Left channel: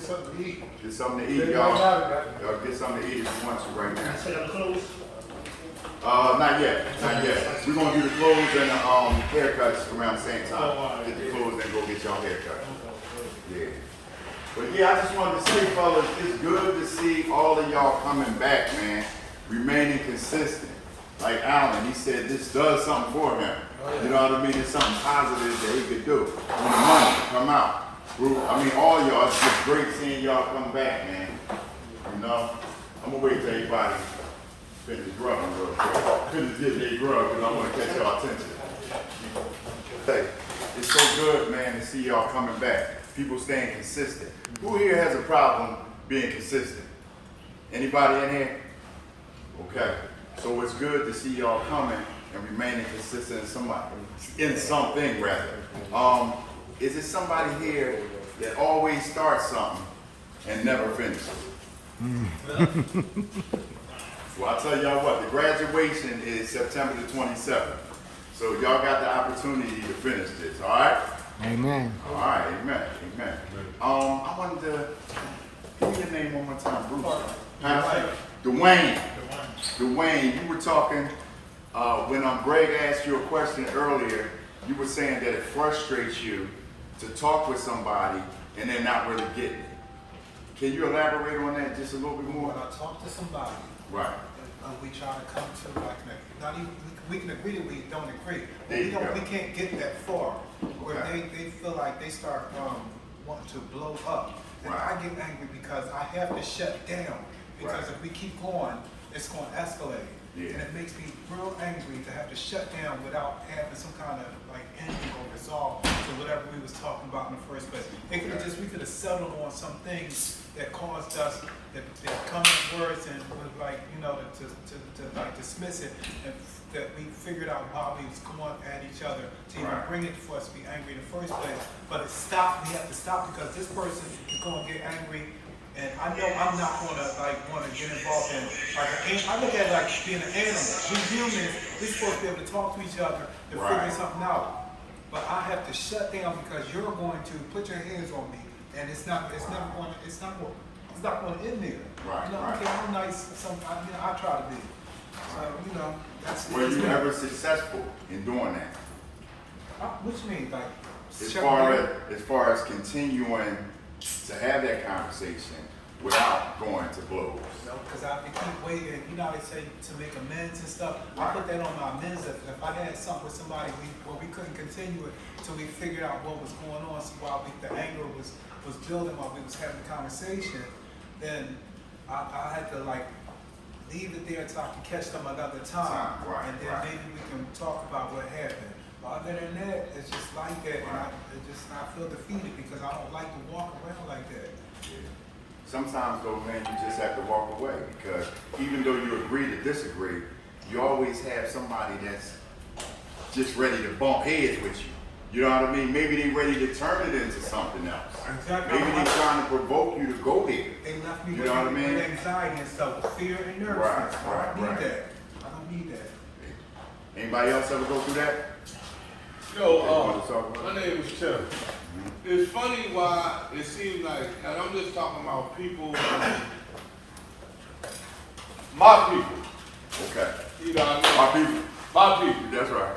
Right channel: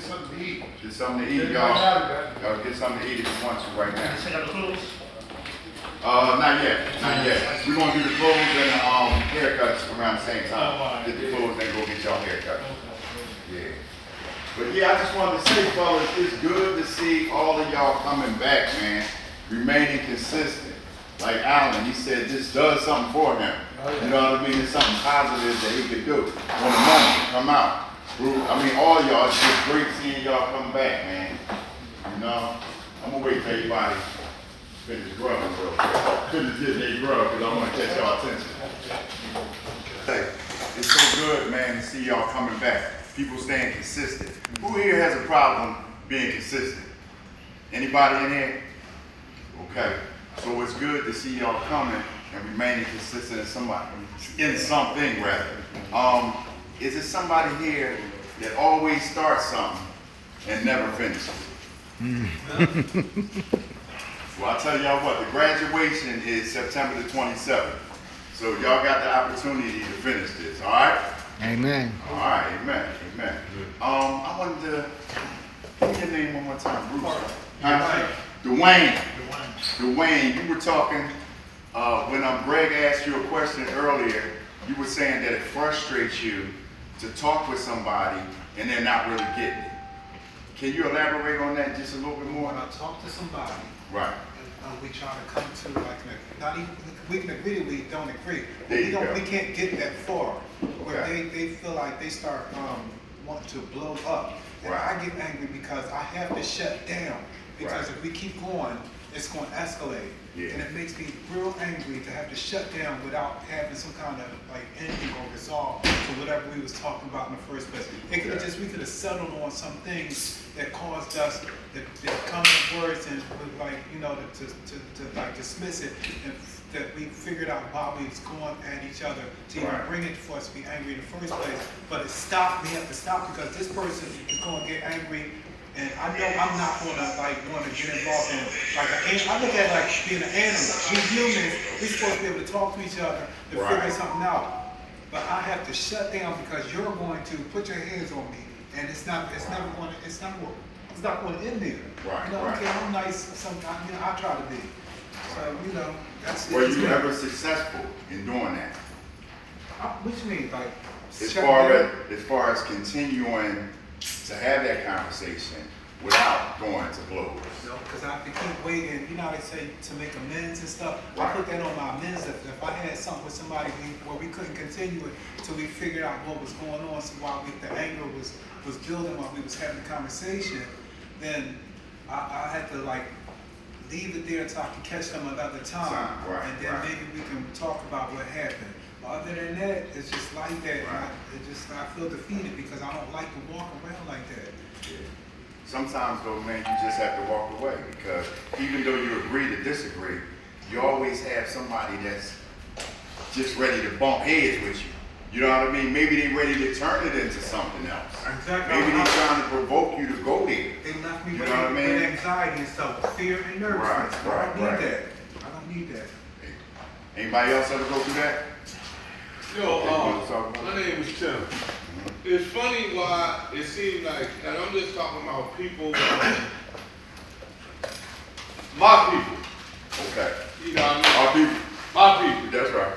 get something to eat. Get something to eat, y'all. Y'all get something to eat if you want to right now. Set up clothes? Not yet. Not yet. We're gonna do the clothes and the haircuts around the same time. Get the clothes and go get y'all haircuts. Yeah. But yeah, I just wanted to say, fellas, it's good to see all of y'all coming back, man. Remaining consistent. Like Alan, he said this does something for him. You know what I mean? It's something positive that he could do. When the money come out. I mean, all y'all, it's just great seeing y'all come back, man. You know? I'm gonna wait till everybody finish growing real quick. Finish getting their grow, because I'm gonna catch y'all attention. Hey, it's so good, man, to see y'all coming back. People staying consistent. Who here has a problem being consistent? Anybody in here? Okay. So it's good to see y'all coming and remaining consistent in something rather. Is it somebody here that always starts something and never finishes? Well, I'll tell y'all what, the graduation is September the 27th. So y'all got the opportunity to finish this, all right? Amen. All right, amen, amen. I wanted to, give me your name one more time, Bruce. Huh? Dwayne. Dwayne, you were talking, when Greg asked you a question earlier, you were saying that it frustrates you to talk with somebody and they're not really getting it. Can you elaborate on that just a little bit more? When I talk to somebody, right, we try to come to like not even we can agree or we don't agree. We can't get that far where they feel like they start wanting to blow up. And I get angry because I have to shut down because if we keep going, it's going to escalate. Yeah. And it makes me real angry to have to shut down without having some kind of like ending or resolve to whatever we was talking about in the first place. It could have we could have settled on some things that caused us to come up words and like, you know, to like dismiss it, and that we figured out why we was going at each other to even bring it for us to be angry in the first place. But it stopped. We have to stop because this person is going to get angry. And I know I'm not gonna want to get involved in I look at it like being an animal. We humans, we're supposed to be able to talk to each other to figure something out. But I have to shut down because you're going to put your hands on me, and it's not going to end there. Right. You know, okay, I'm nice. I try to be. So you know, that's. Were you ever successful in doing that? What you mean, like? As far as continuing to have that conversation without going to blows. No, because I have to keep waiting. You know how they say to make amends and stuff? I put that on my amends. If I had something with somebody where we couldn't continue it until we figured out what was going on, so while the anger was building while we was having the conversation, then I had to like leave it there until I can catch them another time. And then maybe we can talk about what happened. But other than that, it's just like that. I feel defeated because I don't like to walk around like that. Yeah. Sometimes though, man, you just have to walk away because even though you agree to disagree, you always have somebody that's just ready to bump heads with you. You know what I mean? Maybe they're ready to turn it into something else. Exactly. Maybe they're trying to provoke you to go there. They left me with anxiety and stuff, fear and nervousness. I don't need that. I don't need that. Anybody else ever go through that? Yo, my name is Tim. It's funny why it seems like, and I'm just talking about people, my people. Okay. You know what I My mean? people. My people. That's right.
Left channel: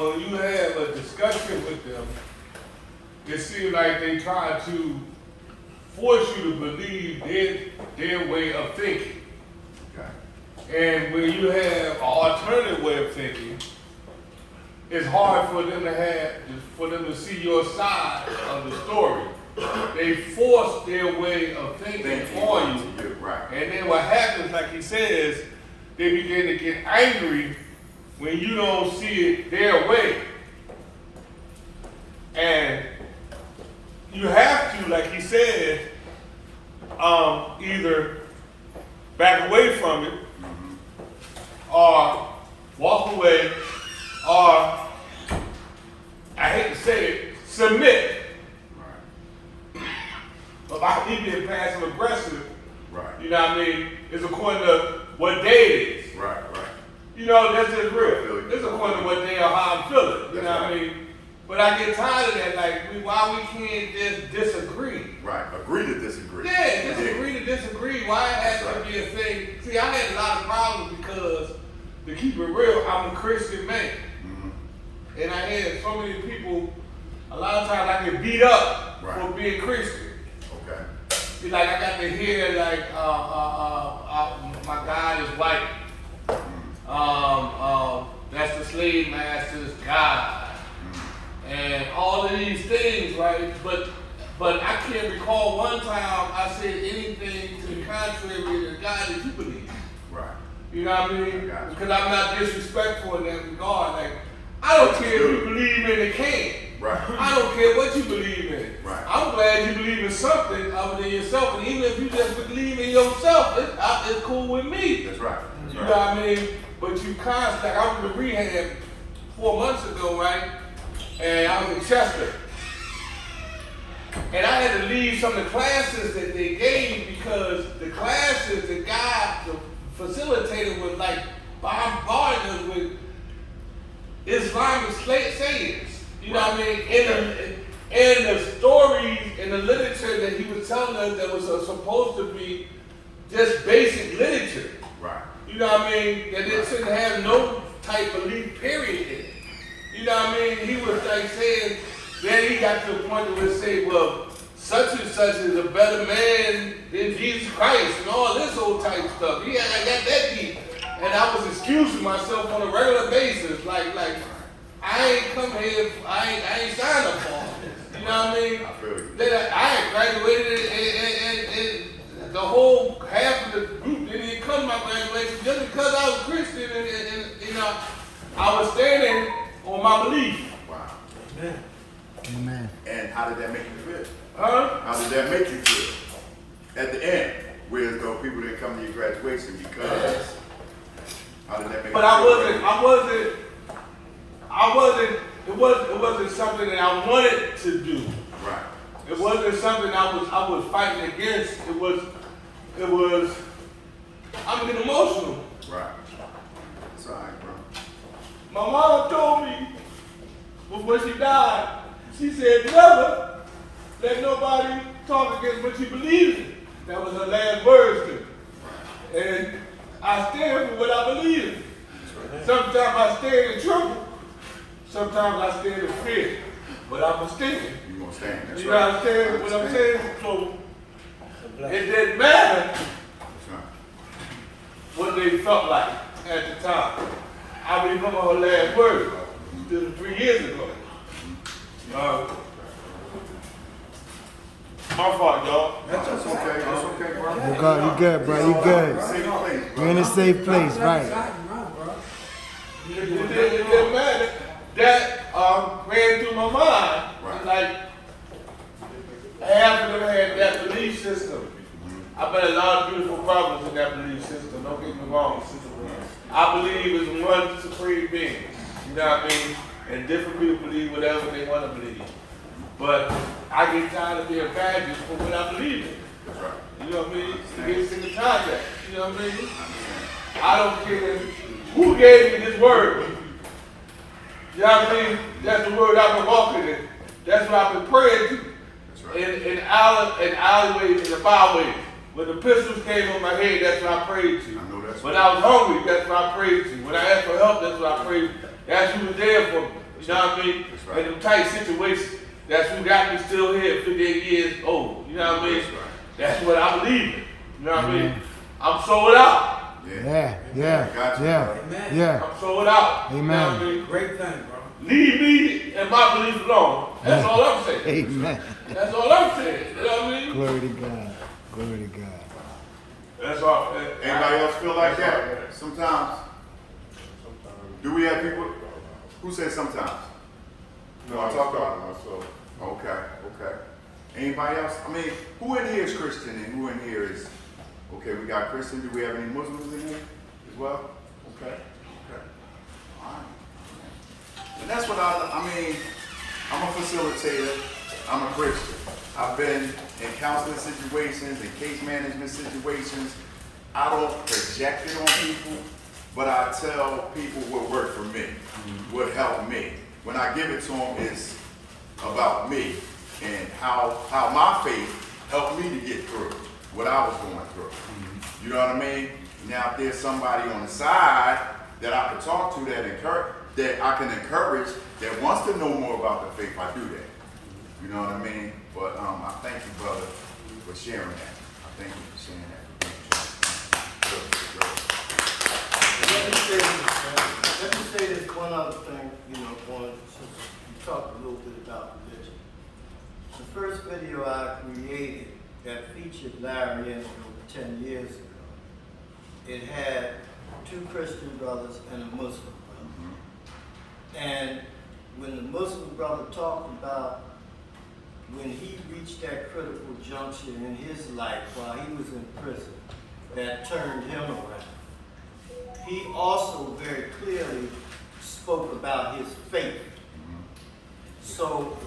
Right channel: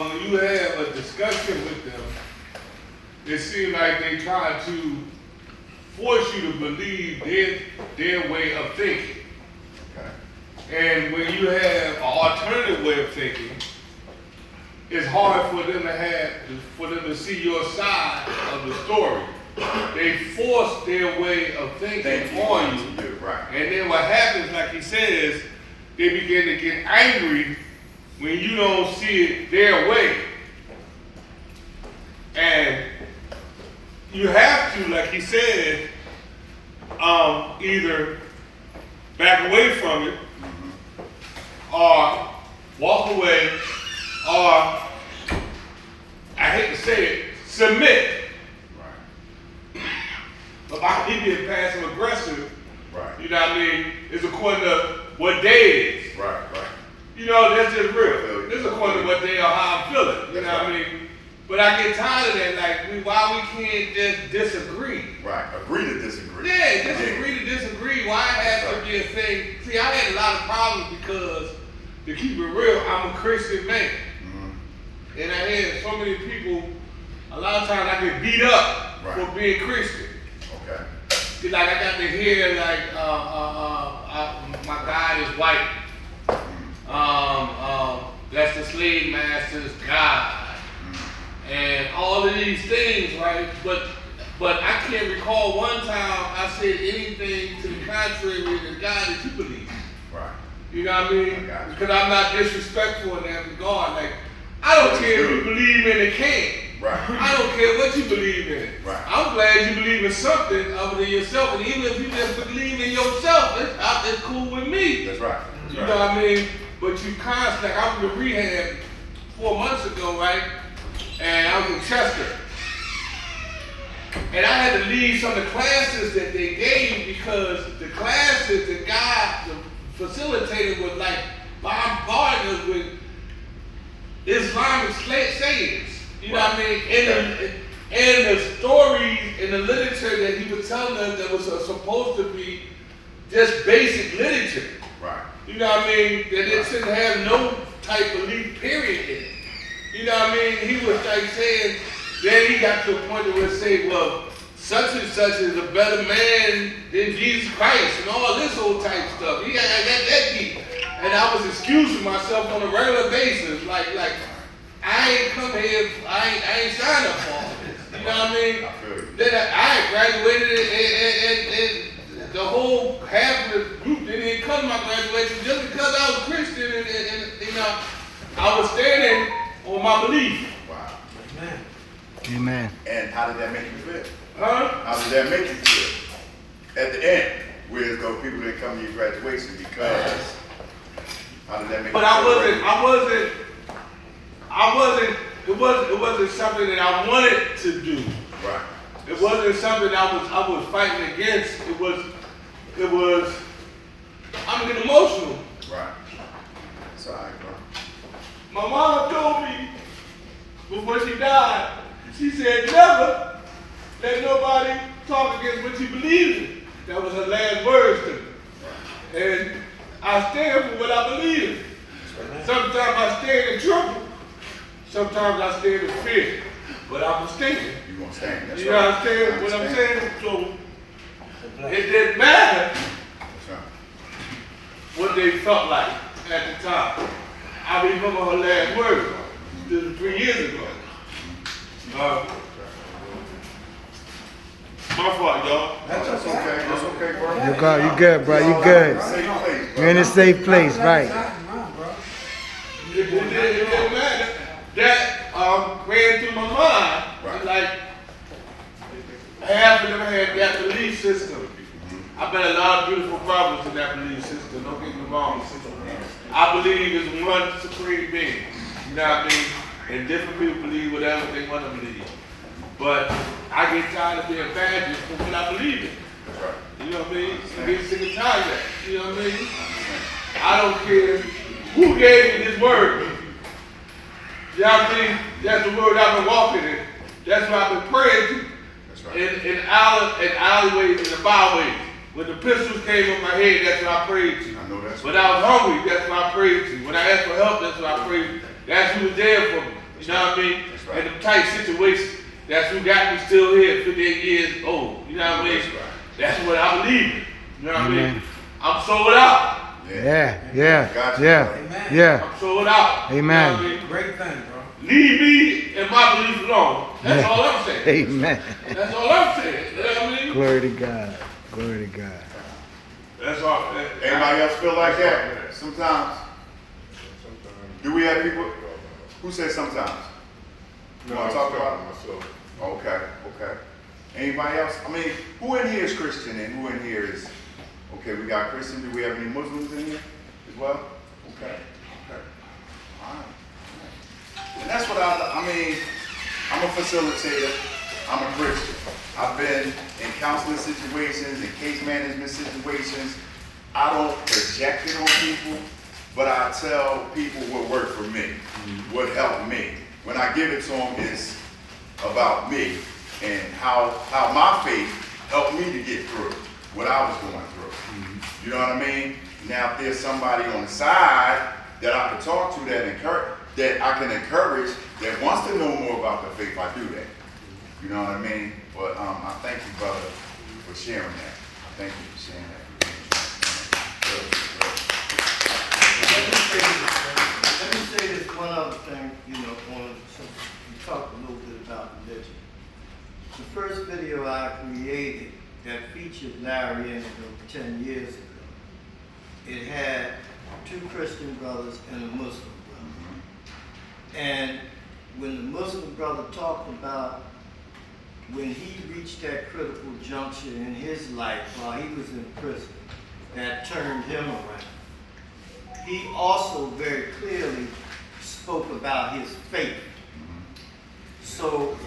When you have a discussion with them, it seems like they try to force you to believe their way of thinking. Okay. And when you have an alternative way of thinking, it's hard for them to see your side of the story. They force their way of thinking on you. Right. And then what happens, like he says, they begin to get angry when you don't see it their way. And you have to, like he said, either back away from it or walk away, or, I hate to say it, submit. Right. About he being passive aggressive, right. You know what I mean, is according to what day it is. Right. You know, that's just real. This is according to what day or how I'm feeling. You know what I mean? But I get tired of that. Like, why we can't just disagree? Right. Agree to disagree. Yeah, disagree to disagree. Why it has to be a thing? See, I had a lot of problems because, to keep it real, I'm a Christian man. And I had so many people, a lot of times I get beat up for being Christian. Okay. See, like I got to hear like my God is white. That's the slave master's God. And all of these things, right? But I can't recall one time I said anything to the contrary than the God that you believe. Right. You know what I mean? Because I'm not disrespectful in that regard. Like, I don't care if you believe in a king. Right. I don't care what you believe in. Right. I'm glad you believe in something other than yourself. And even if you just believe in yourself, it's cool with me. That's right. You know what I mean? But you constantly, like I was in rehab 4 months ago, right? And I was in Chester. And I had to leave some of the classes that they gave because the classes that God facilitated was like bombarding us with Islamic sayings. You know what I mean? And the stories and the literature that he was telling us that was supposed to be just basic literature. Right. You know what I mean? That it shouldn't have no type of leap period in it. You know what I mean? He was like saying, then he got to a point where he say, well, such and such is a better man than Jesus Christ and all this old type stuff. He got that deep. And I was excusing myself on a regular basis. Like I ain't come here, I ain't signed up for all this. You know what I mean? I feel you. Then I graduated and the whole half of the group didn't come to my graduation just because I was a Christian and you know, I was standing on my belief. Wow. Amen. Amen. And how did that make you feel? Huh? How did that make you feel? At the end, whereas though people didn't come to your graduation because how did that make But you feel? It wasn't something that I wanted to do. Right. It wasn't something I was fighting against. It was I'm getting emotional. Right. That's all right, bro. My mama told me before she died, she said, never let nobody talk against what you believe in. That was her last words to me. And I stand for what I believe in. Sometimes I stand in trouble. Sometimes I stand in fear. But I'm standing. You gonna stand? That's You right. understand what I'm saying? So Bless. it didn't matter That's right. what they felt like at the time. I remember her last words. This was 3 years ago. My fault, y'all. That's okay. That's okay, bro. You good, bro. You good. Safe place, bro. You're in a safe place, right? It didn't matter. That ran through my mind. Right. Like, half of them had that belief system. I bet a lot of beautiful brothers in that belief system. Don't get me wrong. I believe it's one supreme being. You know what I mean? And different people believe whatever they want to believe. But I get tired of being badges for what I believe in. That's right. You know what I mean? I get sick and tired of that. You know what I mean? I don't care who gave me this word. You know what I mean? That's the word I've been walking in. That's what I've been praying to. That's right. In alleyways and the byways. When the pistols came on my head, that's what I prayed to. I know that's When right. I was hungry, that's what I prayed to. When I asked for help, that's what I prayed to. That's who was there for me. You know what I mean? That's right. In them tight situations, that's who got me still here, 58 years old. You know what I mean? That's right. That's what I believe in. You know what I mean? Amen. I'm sold out. Yeah. I'm sold out. Amen. You know what I mean? Great thing, bro. Leave me and my belief alone. That's all I'm saying. Amen. That's all I'm saying. You know what I mean? Glory to God. Glory to God. That's all. Anybody else feel like that? Sometimes. Do we have people? Who says sometimes? You want to talk about myself? Okay. Anybody else? I mean, who in here is Christian and who in here is? Okay, we got Christian. Do we have any Muslims in here as well? Okay. All right. And that's what I mean, I'm a facilitator. I'm a Christian. I've been in counseling situations, in case management situations. I don't project it on people, but I tell people what worked for me, what helped me. When I give it to them, it's about me and how my faith helped me to get through what I was going through. You know what I mean? Now, if there's somebody on the side that I can talk to that I can encourage that wants to know more about the faith, I do that. You know what I mean? But I thank you, brother, for sharing that. I thank you for sharing that. Let me say this one other thing, since we talked a little bit about religion. The first video I created that featured Larry in 10 years ago, it had 2 Christian brothers and a Muslim brother. And when the Muslim brother talked about when he reached that critical juncture in his life while he was in prison, that turned him around. He also very clearly spoke about his faith. So,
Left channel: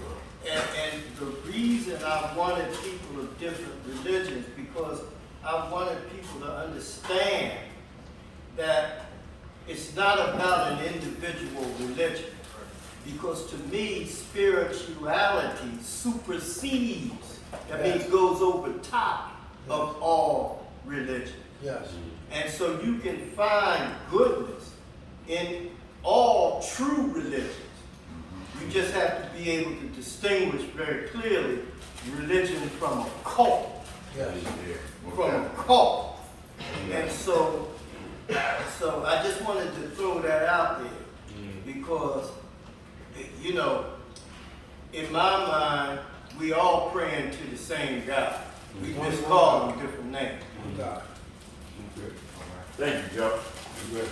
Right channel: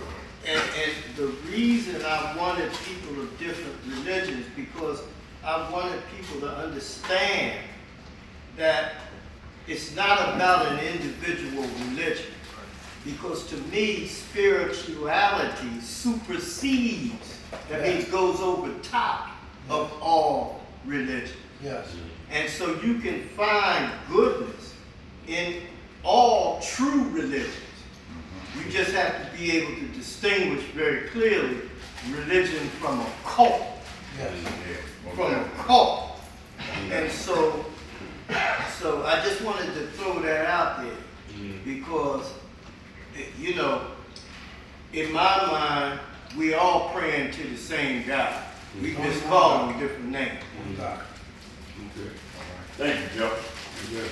and the reason I wanted people of different religions, because I wanted people to understand that it's not about an individual religion. Because to me, spirituality supersedes, that means goes over top of all religion. Yes. And so you can find goodness in all true religions. You just have to be able to distinguish very clearly religion from a cult. Yes. From a cult. And so I just wanted to throw that out there because, in my mind, we all praying to the same God. We just call him different names. Thank you, Joe.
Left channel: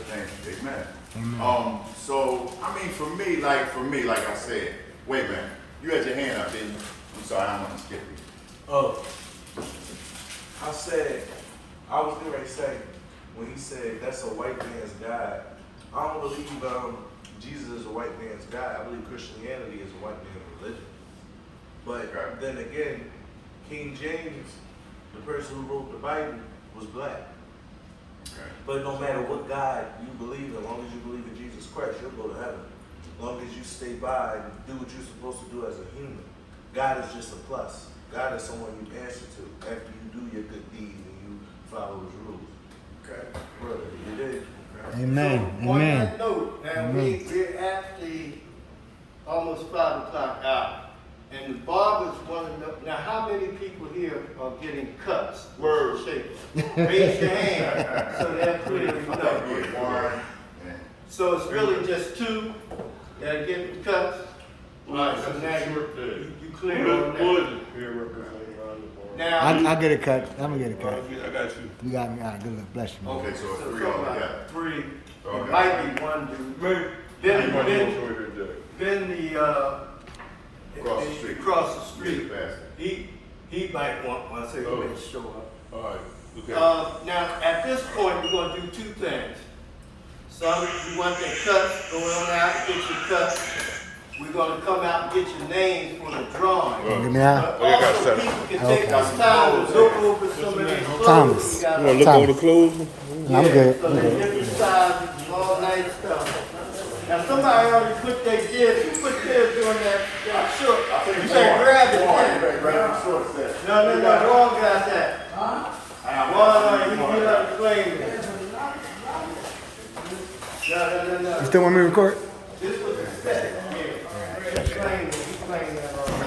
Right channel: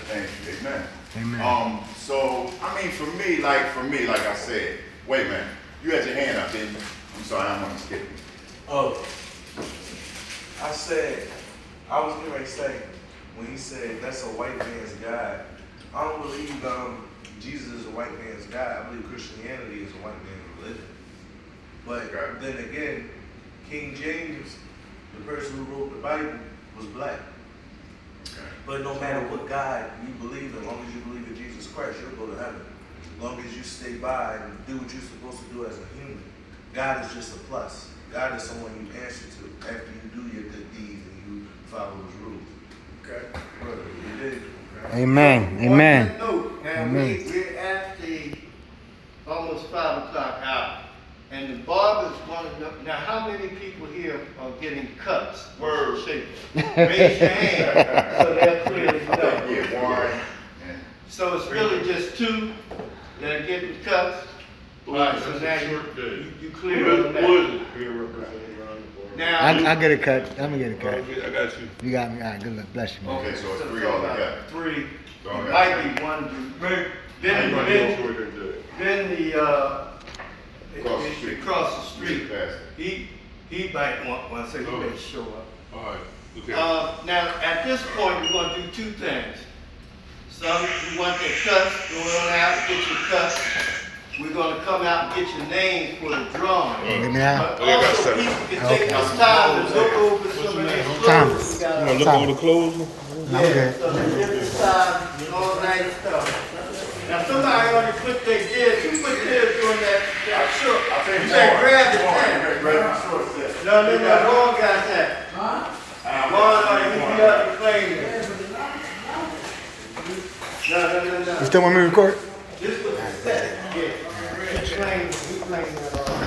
Thank you. Amen. Amen. So, I mean, for me, like I said, wait a minute. You had your hand up, didn't you? I'm sorry, I'm going to skip you. Oh, I was getting ready to say, when he said that's a white man's God, I don't believe Jesus is a white man's God. I believe Christianity is a white man's religion. But then again, King James, the person who wrote the Bible, was black. But no matter what God you believe in, as long as you believe in Jesus Christ, you'll go to heaven. As long as you stay by and do what you're supposed to do as a human. God is just a plus. God is someone you answer to after you do your good deeds and you follow his rules. Okay? Well, you did. Amen. Amen. On that note, now we're at the almost 5 o'clock hour. And the barbers want to know, now how many people here are getting cuts? Word. Shape. Raise your hand so they're clear to know. Yeah, one. So it's really just 2 that are getting cuts? All right, so now you clear on that. Now, I get a cut. I'm going to get a cut. I got you. You got me. All right, good luck. Bless you, man. Okay, so it's so 3 talk all about together. 3. It All right. might be 1 dude. Then the Across the street. across the street. Yeah, faster. He might want one, so he may show up. All right. Okay. Now, at this point, we're going to do 2 things. Some, you want their cuts, go on out, get your cuts. We're going to come out and get your name for the drawing. Get me out. But also, people can take this time to look over some of these clothes. Thomas. we got. Look on the clothes? I'm Yeah, good. so the different sizes and all that stuff. Now, somebody already put their gears, who put theirs on that shirt? You better grab it now. No, Ron got that. Ron, you got the thing there. No. You still want me to record? This was the set, yeah. He claimed that.